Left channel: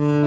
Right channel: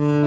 Mm-hmm.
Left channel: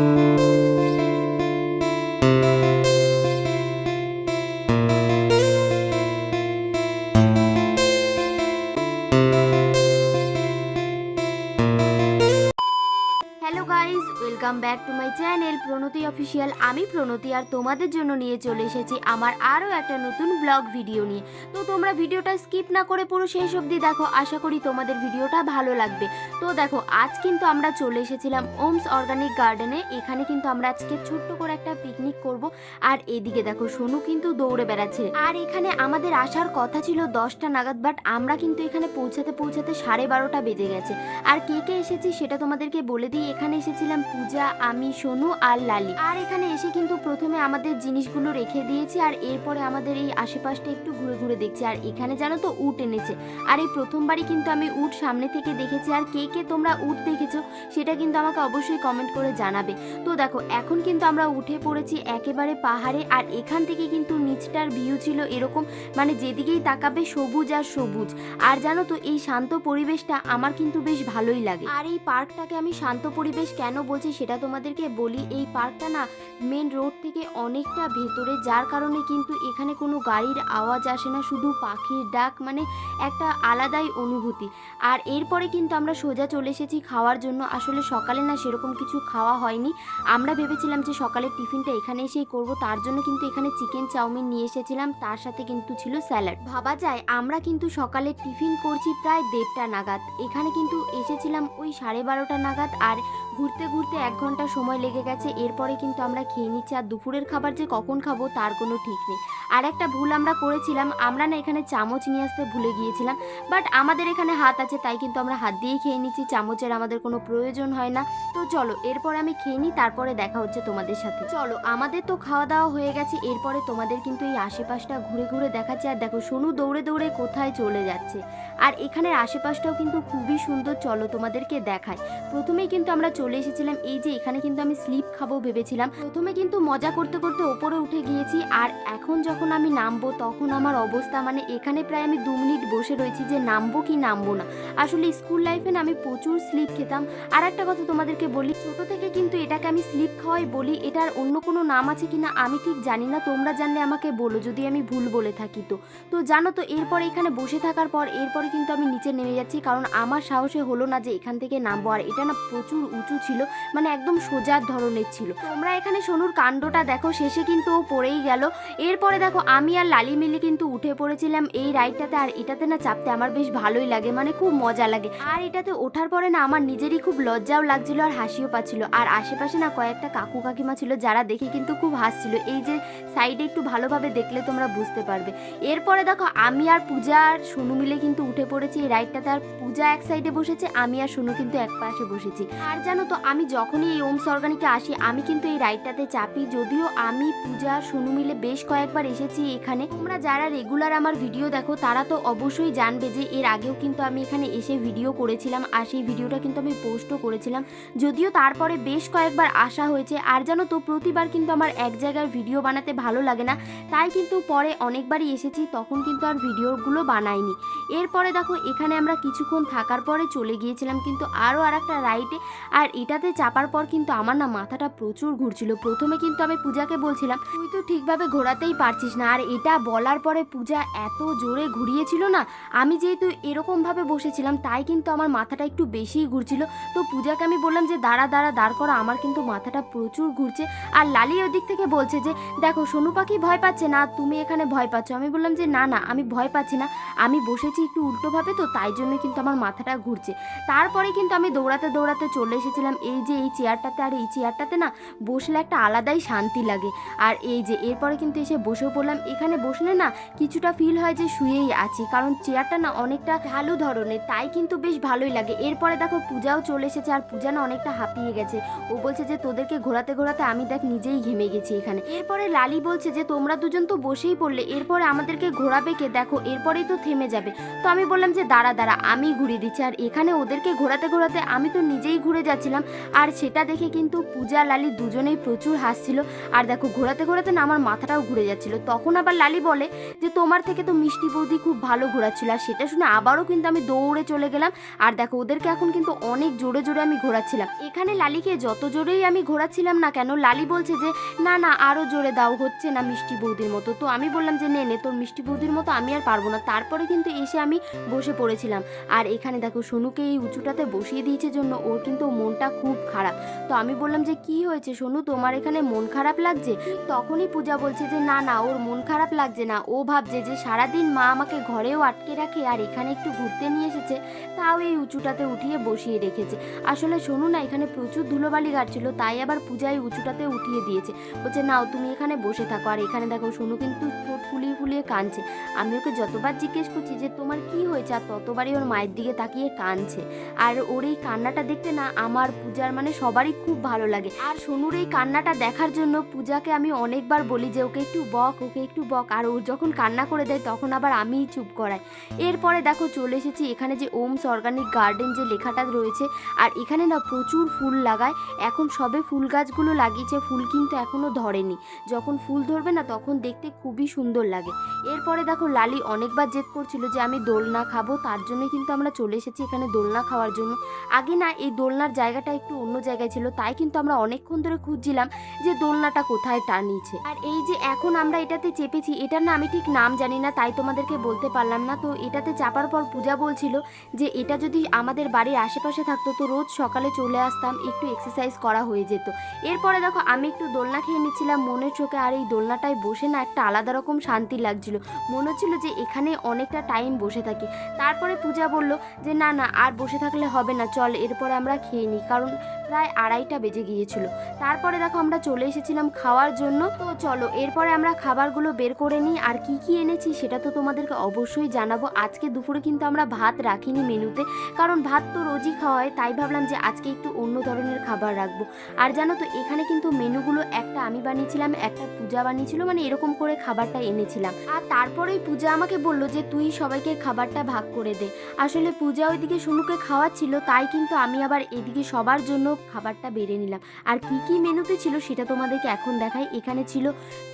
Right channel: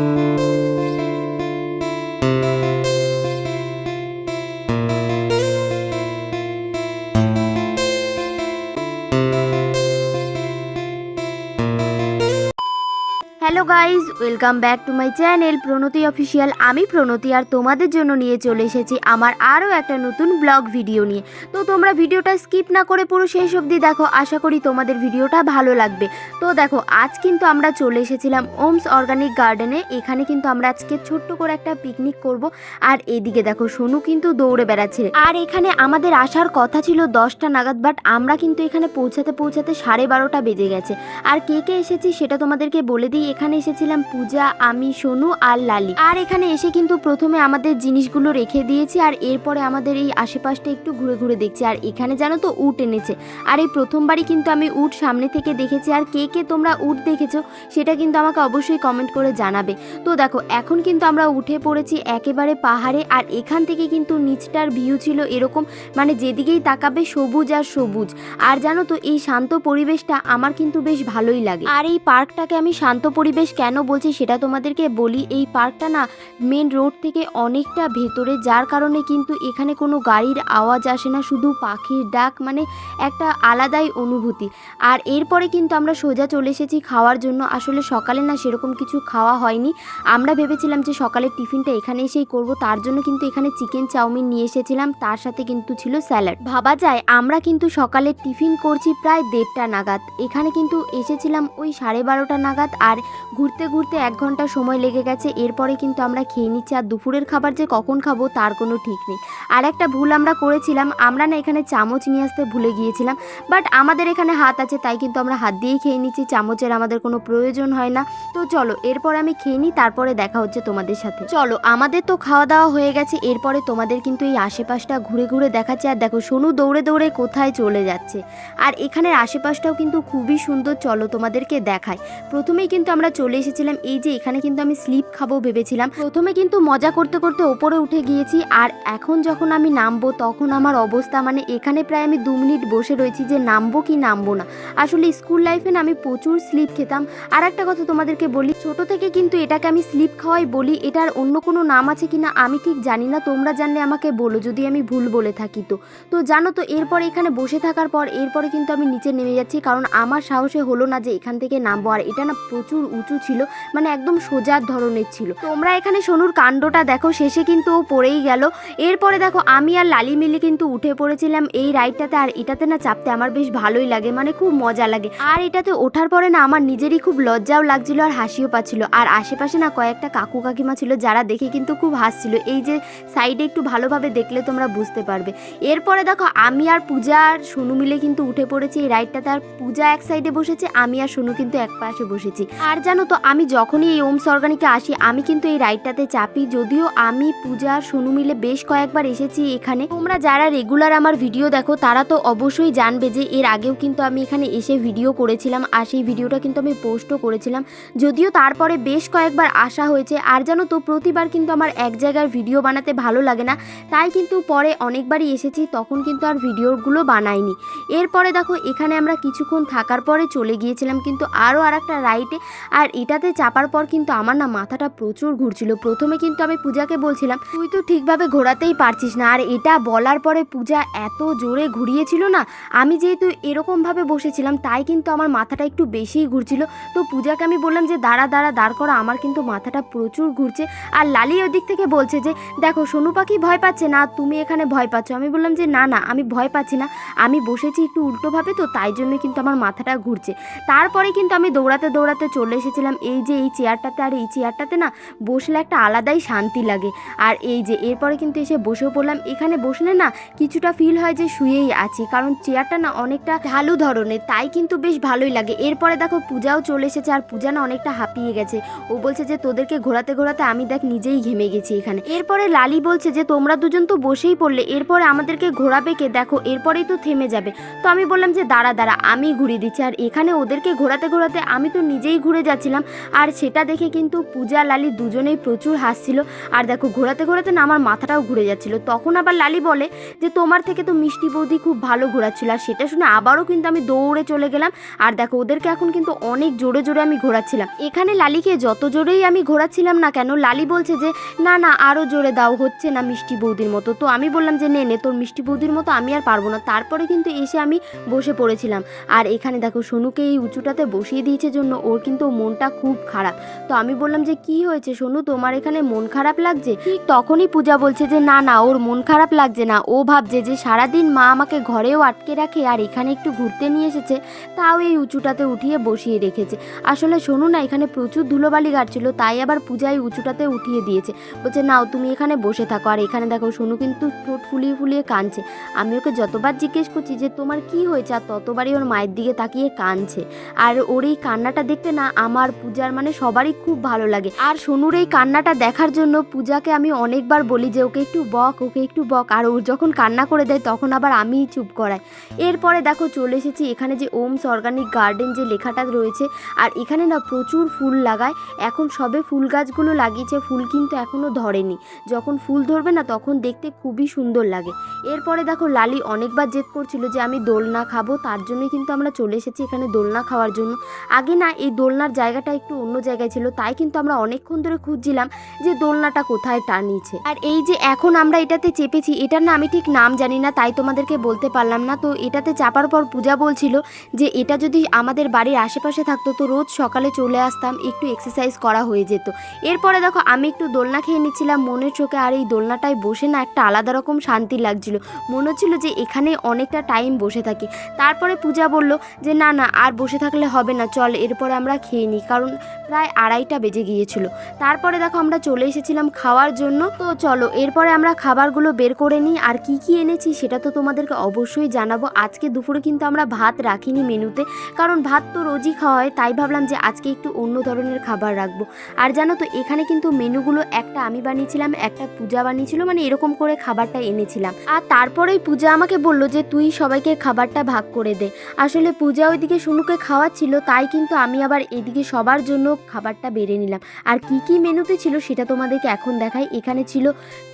Welcome back to my channel Pranati official আমি প্রণতি আর তোমাদের জন্য নিয়ে চলে এসেছি আমার আরও একটা নতুন ব্লগ ভিডিও নিয়ে। তো তোমরা ভিডিওটা স্কিপ না করে পুরো শেষ অবধি দেখো, আশা করি তোমাদের ভিডিওটা ভালো লাগবে। তো দেখো, আজ কিন্তু আমরা চলে এসেছিলাম ওমস অর্গানিক গার্ডেনে এখানে কিন্তু আমরা আজকে ছোট্ট করে একটা পিকনিক করব। আর এদিকে দেখো, সোনু কিন্তু দৌড়ে বেড়াচ্ছে। আর এখানে আমাদের আসার কথা ছিল দশটা নাগাদ বাট আমরা কিন্তু এখানে পৌঁছাতে পৌঁছাতে সাড়ে বারোটা বেজে গেছে। আর কে কে এসেছি সেটা তোমাদেরকে বলে দিই। এখানে এসেছিলাম পূজা, আমি, সোনু আর লালি। আর এখানে এসে কিন্তু প্রথমে আমাদের জিনিসগুলো রেখে দিয়েছি আর এরপরে আমাদের এই আশেপাশটা একটু ঘুরে ঘুরে দেখছি। আর এখানে জানো তো উট এনেছে। আর এই প্রথমবারই কিন্তু আমি উট সামনে থেকে দেখেছি। আর কে কে তোমরা উট দেখেছ সেটা কিন্তু আমাকে অবশ্যই কমেন্ট করে জানাবে। তো দেখো, এখন কিন্তু আমরা উঠে পড়েছি একেবারে পাহাড়ে আর এখান থেকে কিন্তু নিচটার ভিউ ছিল এরকম। মানে যেদিকেই তাকাবে সবুজ আর সবুজ। আর জানো তো এই শান্ত পরিবেশটা আমার কিন্তু বেশ ভালোই লাগে। আর এই পার্কটাকে আমি শান্ত পরিবেশ কেন বলছি সেটা তোমাদেরকে বলি, এই পার্কটা না মেন রোড থেকে অনেকটা ভেতরে, যার কারণে কিন্তু এখানে কোনো গাড়ির আওয়াজ আসে না, শুধু পাখির ডাক মানে একটা আলাদাই অনুভূতি। আর এরপরে কিন্তু আমরা সোজা চলে এসেছি খাওয়ার জন্য। আসলে সকালে না সেরকম কিছু খাওয়া হয়নি। আমরা ভেবেছিলাম যে সকালের টিফিনটা এখানে এসেই করব, তার জন্য কিন্তু এখানে চিকেন চাউমিন নিয়ে এসেছিলাম, তার সাথে কিন্তু ছিল স্যালাড ভাবা যায়, আমরা কিন্তু সকালে টিফিন করছি প্রায় দেড়টা নাগাদ। এখানে কিন্তু এসেছিলাম ওই সাড়ে বারোটা নাগাদ, আর ঘুরতে ঘুরতে এক ঘণ্টা সময় লেগে গেছে, এরপরে কিন্তু আমরা খেয়ে নিচ্ছি। আর দুপুরের খাবার যে কখন খাব, তার কোনো ঠিক নেই। আর একটা ভুল আমরা করেছিলাম, আমরা না এখানে চামচ নিয়ে আসতে ভুলে গিয়েছিলাম বাট আমাদের এখানে হাত আছে, তাই কিন্তু আমরা হাত দিয়েই খেয়ে নিচ্ছি, চামচের আমাদের কোনো প্রয়োজন হয় না। তো চলো, এরপর আমি খেয়ে নিই, তারপরে দেখা হচ্ছে তোমাদের সাথে। চলো, আমাদের তো খাওয়া দাওয়া হয়ে গেছে, এরপরে তোমাদের কিন্তু এই আশেপাশটা ঘুরে ঘুরে দেখাচ্ছে, আর দেখো সোনু দৌড়ে দৌড়ে কোথায় চলে যাচ্ছে। আর এখানের আশেপাশটাও কিন্তু খুবই সুন্দর, চলো তোমাদেরকে দেখায় প্রথমেই কিন্তু আমরা চলে এসেছিলাম, এই যে এখানে কিন্তু আমি স্লিপ খাব ভেবেছিলাম। প্রথমে কিন্তু মজা করতে করতে ওপরে উঠে গিয়েছি, আর এখন যখন আমি নামবো, তখন আমার অবস্থা মানে এখানে প্রায় আমি দু মিনিট বসে রয়েছি যে নামবো কি নামবো না। আসলে স্কুল লাইফে না আমি প্রচুর স্লিপ খেতাম। আর একটা কথা তোমাদেরকে বলি, ছোট থেকে কিন্তু এটাকে আমি স্লিপ খাওয়াই বলি, এটার অন্য কোনো নাম আছে কিনা আমি ঠিক জানি না, তোমরা জানলে আমাকে বলো, যদি আমি ভুল বলে থাকি তো। তো জানো তো, এরপর এখানে বসে থাকার পর এরপরে কিন্তু আমি নিচে নেমে যাচ্ছি, কারণ আমার সাহসে হলো না যে এখান থেকে নামবো, আর এটা না প্রচুর উঁচু ছিল মানে একদম সোজার ধরনের ছিল। তোমরা এখানে সোনুর কাণ্ডটা দেখো, শেষে কিন্তু ও পড়েই গেল। এরপরে দেখো, আমি আর লালি মিলি কিন্তু উঠে পড়েছিলাম এই রাইডটাতে, আর এটাতে না চাপতে আমার বেশ ভালোই লাগে মানে খুব মজা লাগে। আর এটাতে ওঠার পরে না আমার নিজেরই খুব লজ্জাও লাগছিল আর হাসিও পাচ্ছিল। আর আশেপাশে না কয়েকটা কাকু কাকিমা ছিল যারা দেখে কিন্তু খুব হাসছিল। এই যে সাইডে একটু ভালোভাবে দেখলে তোমরা বুঝতে পারবে। এরপরে দেখো আমি আর পূজা আর সোনু মিলে কিন্তু উঠে পড়েছি এই রাইডটাতে আর পূজা এক সাইডে বসেছে, আমি আর সোনু কিন্তু এক পাশে বসেছি। আর জানো তো আমি যখনই এই ওমস অর্গানিকে আসি, আমি কিন্তু এই রাইডটাতে চাপি। যদিও আমি, পূজা আর সোনু মিলে বেশ কয়েকবার এসেছি এখানে। তোমরা যারা রেগুলার আমার ভিডিও দেখো, তারা তো অবশ্যই জানবে যে এর আগেও কিন্তু আমি এখানে এসে ভিডিও করেছিলাম, আর সেই ভিডিওটা কিন্তু আমি পোস্টও করেছিলাম। যদিও তারপরে বেশ কয়েকবার আসা হয়েছে, আর জানো তো, প্রতিবার কিন্তু আমার এক জায়গায় ভিডিও বানাতে ভালো লাগে না। তাই কিন্তু পরে অনেকবারই এসেছি, তখন কিন্তু আর ভিডিওগুলো বানাইনি। এরপরে দেখো, এখানে আমরা কিছুক্ষণ থাকার পরে চলে গিয়েছিলাম, কিন্তু আরও আর একটা রাইডে আর এটাতে চাপার পর কিন্তু আমার না মাথাটা প্রচুর ঘুরছিল। প্রথমে কিন্তু আমি পূজাকে বলছিলাম, তুই তো ঠিকভাবে ঘোরাতেই পারছিস না, আর এটা বলার পরে পূজা এত জোরে ঘুরিয়েছিল না, আমি যেহেতু এরকমভাবে বসেছিলাম তাই কিন্তু আমার মাথাটা একটু বেশিই ঘুরছিল। তো পূজাকে আমি বললাম যে, দাঁড়া দাঁড়া, দাঁড় করা, আমার কিন্তু মাথাটা প্রচুর ঘুরছে। আর লালি ওই দিক থেকে বলছে যে, দেখো, সোনু পাখি ভয় পাচ্ছে না, তুমি এখানে ভয় পাচ্ছ। আমি বললাম যে, না না, আমি ভয় পাচ্ছি না, আমি বসেছি একটু উল্টোভাবে, তো তাই জন্য কিন্তু আমার মাথাটা ঘুরছে। তারপরে কিন্তু আমি দৌড়াতে দৌড়াতে চলে এসেছিলাম। এই যে, এই চেয়ারটাতে, আর এই চেয়ারটাতে না বসলে একটা আলাদাই শান্তি লাগে। আর এই যে, এরপরে কিন্তু এসে বসেও পড়লাম। এখানে বসলে না কিছুটা ফিল হয় যে, শুয়েই আছি। কারণ চেয়ারটা না অনেকটা ঢালু ধরনের তাই কিন্তু বেশ ভালোই লাগে। এরপরে দেখো পূজাও চলে এসেছে আর পূজা না অনেকটা হাঁপিয়ে গেছে। ও বলছে যে, তোদেরকে ঘোরাতে ঘোরাতে আমি দেখ নিজেই ঘেমে গেছি এখানে। এরপরে লালি বলছে যে, তোমরা দুজন তো বসেই পড়লে, এরপরে আমাদেরকে ঘোরাবে কে? দেখো, এরপরেই তো থেমে যাবে। তো আমি বললাম যে, দাঁড়া দাঁড়া, আমি ঘুরিয়ে দিচ্ছি। আর এখানে ওদেরকে ঘোরাতে ঘোরাতে আমি তো নিজেই ঘুরে যাচ্ছিলাম। আর সেটা দেখে কিন্তু পূজা, লালি দুজনেই প্রচুর হাসছিল। আর দেখো, ঘোরাতে ঘোরাতে না আমার মাথাটাও ঘুরে যাচ্ছিল। তখন আবার লালি বলে যে, তোমার থেকে তো মিষ্টি বৌদি খুব ভালো ঘোরাচ্ছিল। আর সেটা শুনে আবারও কিন্তু আমি দৌড়ে চলে গেলাম। আর দেখো, ওদেরকে এখন কিন্তু অনেক জোরে জোরে আমি ঘোরাচ্ছিলাম। এখানে লালিকে যত জোরেই আমি ঘোরাচ্ছিলাম না কেন, লালি বলছে যে, না না আরও জোরে দাও, হচ্ছে না মিষ্টি বৌদির মতো। তো আমি বললাম যে, নে নে, তোর মিষ্টি বৌদির মতো আমি আর পারব না। তারপরে কিন্তু এসে আমি বসে পড়েছিলাম। আর এখানে দেখো, সোনুকে এই উঁচুটাতে বসিয়ে দিয়েছে জন্য ওর কিন্তু মনটা খুব খারাপ। তো আমি বললাম যে, কি হয়েছে সোনু? তোমার এখানে মন খারাপ লাগছে? তখনই পূজা বলছে যে, না না, ওর মন খারাপ লাগছে না। ও ভাবছে যে, সারাদিন মা আমাকে ঘরেও আটকে রাখে আর এখানে একটু ঘুরতে নিয়ে এসেছে। তাও এই উঁচুটাতে উঠিয়ে বসিয়ে রেখেছে। আসলে শোনো না, এখানে প্রচুর ধুলোবালি গাড়ছিল, তাই আবার পূজা এই উঁচুটাতে উঠিয়ে দিয়েছে। বলছে, নাও, তুমি এখানে বসে থাকো। আর এখানে দেখো সোনু কিন্তু ঠোঁট ফুলিয়ে ফুলিয়ে কাঁদছে। আমি ওকে যতবার জিজ্ঞেস করছি যে, তোমার কি হয়েছে? আর ততবারই ওর মায়ের দিকে তাকিয়ে কাঁদছে। আর ওর এই কান্নাটা দেখতে না, আমার পূজার মানে সবারই খুব ভালো লাগে। আর সোনুর এই কান্নাটা দেখার জন্য পূজাকে আমি অনেকবার বলি যে, ওকে একটু বক, ওকে একটু বক। আর ও যখন কান্না করে দেয়, তখন আবার আমিই চুপ করাই। এরপরে দেখো, চলে এসেছি এখানে যে ওমস অর্গানিক গার্ডেন যে লেখাটা রয়েছে, আর এখানে না প্রচুর ফুল লাগায়। এখন সবে ফুল গাছগুলো লাগিয়েছে, ফুল কিন্তু এখনও ধরেনি। যখন ফুল ধরবে না, তখন দেখতে খুবই সুন্দর লাগে। এরপরে দেখো, লালি অনেকবার জেদ করছিল যে আমি দোলনা খাব, তার জন্য কিন্তু আমরা চলে এসেছি এখানে দোলনা খাওয়ার জন্য। আগে না এই দোলনার জায়গাটা একটু অন্য জায়গায় ছিল, তাই কিন্তু আমরা অনেকক্ষণ ধরে খুঁজছিলাম যে দোলনাটা কোথায় টানিয়েছে আর এই যে এখন আমরা এটাতে চেপেছি, এটার না আমি ঠিক নাম জানি না, তাই তোমাদেরকে বলতে পারলাম না। তো এটাতে চাপার পর পূজা বলছিল যে এটা যদি আমাদের বাড়ির আশেপাশে থাকতো তো রোজ সকালে চলে আসতাম, একটু এক্সারসাইজ করা হয়ে যেত। এরপরে দেখো আমি একটু দোলনা খেয়ে নিচ্ছিলাম, মনের চোখে আর এই দোলনাটায় বসে না একটা আলাদা রকম শান্তি লাগছিল। মনে হচ্ছিল যে এখানে অনেকটা টাইম বসে থাকি। তারপরে পূজা বলল যে না না, আর বসে থাকলে হবে না, চল এরপরে আমরা খেয়ে নিই। কারণ প্রায় আড়াইটা বেজে গিয়েছিল। তারপরে দেখো আমরা চলে এসেছিলাম খাওয়ার জন্য। তো চলো, এরপরে আমরা খাবারগুলো বের করে নিই। আর কি কি এনেছি সেটা তো তোমাদেরকে অবশ্যই জানাব। আজকে দুপুরে কিন্তু আমরা ভাত রাখিনি মেনুতে। কারণ ভাত তো রোজই খাওয়া হয়, তাই ভাবলাম যে আজকে একটু অন্য ধরনের খাবার রাখব। আর জানো তো, এখানে কিন্তু মেনুগুলো একটা আমি বানিয়েছিলাম, একটা পূজা বানিয়েছিল মানে এরকম করে খাবারটা এনেছিলাম। আর তারপরেই পূজা আমাকে বলল যে তুই সবাইকে খাবারটা ভাগ করে দে। আসলে পূজা ওইদিকে সোনুকে খাওয়াচ্ছিল, তাই কিন্তু আমি আবার এদিকে সবার জন্য খাবারটা বেড়ে নিলাম। আর কি কি মেনুতে ছিল সেটা তোমাদেরকে এখন দেখাই। এখানে ছিল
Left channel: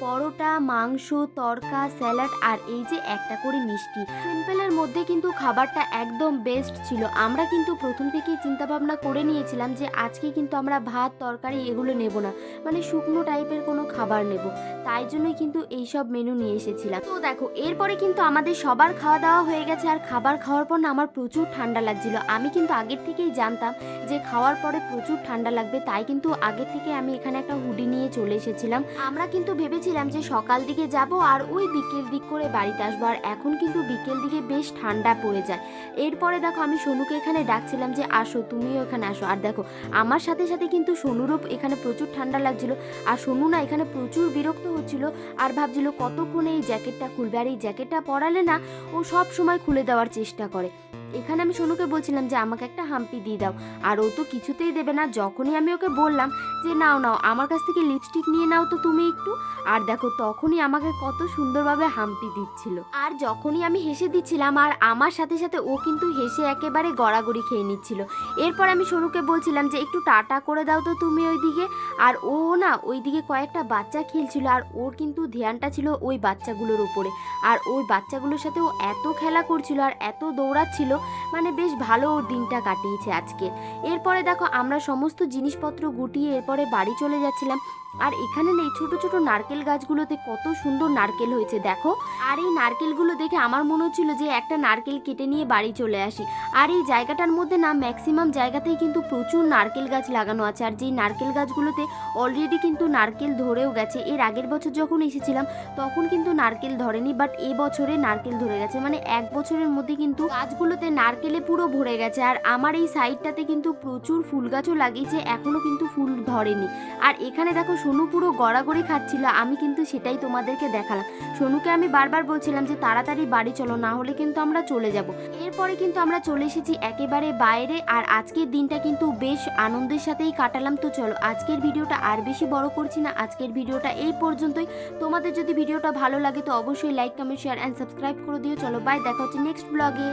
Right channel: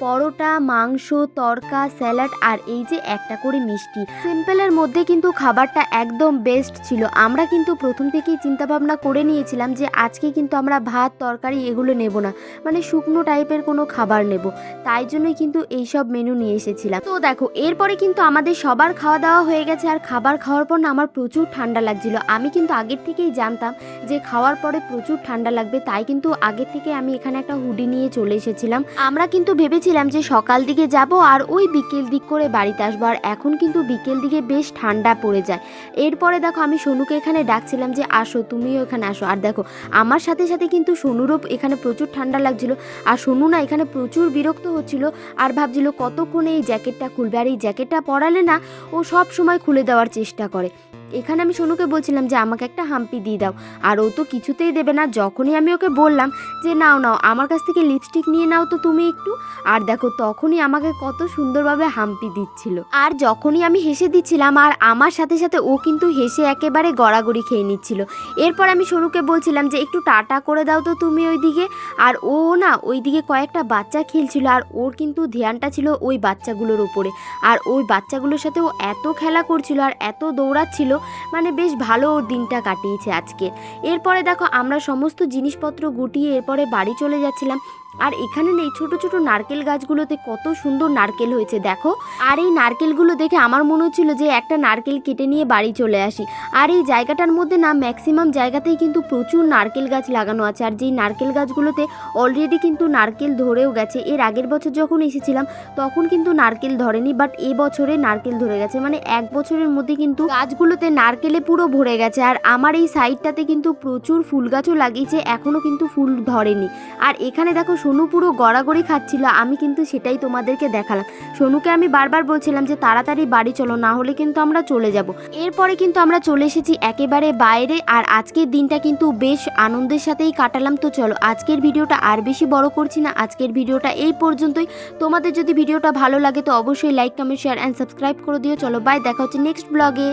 পরোটা, মাংস, তরকা, স্যালাড আর এই যে একটা করে মিষ্টি। সিম্পলের মধ্যে কিন্তু খাবারটা একদম বেস্ট ছিল। আমরা কিন্তু প্রথম থেকেই চিন্তা ভাবনা করে নিয়েছিলাম যে আজকে কিন্তু আমরা ভাত, তরকারি এগুলো নেব না। মানে শুকনো টাইপের কোনো খাবার নেব। তাই জন্যই কিন্তু এই সব মেনু নিয়ে এসেছিলাম। তো দেখো, এরপরে কিন্তু আমাদের সবার খাওয়া দাওয়া হয়ে গেছে আর খাবার খাওয়ার পর না আমার প্রচুর ঠান্ডা লাগছিল। আমি কিন্তু আগের থেকেই জানতাম যে খাওয়ার পরে প্রচুর ঠান্ডা লাগবে, তাই কিন্তু আগের থেকে আমি এখানে একটা হুডি নিয়ে চলে এসেছিলাম। আমরা কিন্তু ভেবেছিলাম যে সকাল দিকে যাব আর ওই বিকেল দিক করে বাড়িতে আসব। আর এখন কিন্তু বিকেল দিকে বেশ ঠান্ডা পড়ে যায়। এরপরে দেখো আমি সোনুকে এখানে ডাকছিলাম যে আসো, তুমিও এখানে আসো। আর দেখো, আমার সাথে সাথে কিন্তু সোনুরও এখানে প্রচুর ঠান্ডা লাগছিল। আর সোনু না এখানে প্রচুর বিরক্ত হচ্ছিল আর ভাবছিল কতক্ষণে এই জ্যাকেটটা খুলবে। আর এই জ্যাকেটটা পরালে না ও সব সময় খুলে দেওয়ার চেষ্টা করে। এখানে আমি সোনুকে বলছিলাম যে, আমাকে একটা হাম্পি দিয়ে দাও। আর ও তো কিছুতেই দেবে না। যখনই আমি ওকে বললাম যে, নাও নাও, আমার কাছ থেকে লিপস্টিক নিয়ে নাও তো তুমি একটু। আর দেখো, তখনই আমাকে কত সুন্দরভাবে হাম্পি দিচ্ছিল। আর যখনই আমি হেসে দিচ্ছিলাম, আর আমার সাথে সাথে ও কিন্তু হেসে একেবারে গড়াগড়ি খেয়ে নিচ্ছিল। এরপর আমি সোনুকে বলছিলাম যে, একটু টাটা করে দাও তো তুমি ওইদিকে। আর ও না, ওইদিকে কয়েকটা বাচ্চা খেলছিল, আর ওর কিন্তু ধ্যানটা ছিল ওই বাচ্চাগুলোর উপরে। আর ওই বাচ্চাগুলোর সাথে ও এত খেলা করছিল, আর এত দৌড়াচ্ছিল মানে বেশ ভালো দিনটা কাটিয়েছে আজকে। এরপরে দেখো আমরা সমস্ত জিনিসপত্র গুটিয়ে এরপরে বাড়ি চলে যাচ্ছিলাম। আর এখানে নেই, ছোট ছোট নারকেল গাছগুলোতে কত সুন্দর নারকেল হয়েছে, দেখো। আর এই নারকেলগুলো দেখে আমার মনে হচ্ছিল যে একটা নারকেল কেটে নিয়ে বাড়ি চলে আসি। আর এই জায়গাটার মধ্যে না ম্যাক্সিমাম জায়গাতেই কিন্তু প্রচুর নারকেল গাছ লাগানো আছে। আর যেই নারকেল গাছগুলোতে অলরেডি কিন্তু নারকেল ধরেও গেছে। এর আগের বছর যখন এসেছিলাম, তখন কিন্তু নারকেল ধরেনি বাট এ বছরে নারকেল ধরে গেছে। মানে এক বছরের মধ্যে কিন্তু গাছগুলোতে নারকেলে পুরো ভরে গেছে। আর আমার এই সাইডটাতে কিন্তু প্রচুর ফুল গাছও লাগিয়েছে এখনও কিন্তু ফুল ধরেনি। আর এখানে দেখো সোনু পুরো গড়াগড়ি খাচ্ছিল, আমি কিন্তু সেটাই তোমাদেরকে দেখালাম। সোনুকে আমি বারবার বলছিলাম যে তাড়াতাড়ি বাড়ি চলো, না হলে কিন্তু আমরা চলে যাব। এরপরে কিন্তু আমরা চলে এসেছি একেবারে বাইরে, আর আজকের দিনটা কিন্তু বেশ আনন্দের সাথেই কাটালাম। তো চলো, আজকের ভিডিওটা আর বেশি বড় করছি না, আজকের ভিডিওটা এই পর্যন্তই। তোমাদের যদি ভিডিওটা ভালো লাগে তো অবশ্যই like, comment share and subscribe করে দিও। চলো বাই দেখা হচ্ছে নেক্সট ব্লগে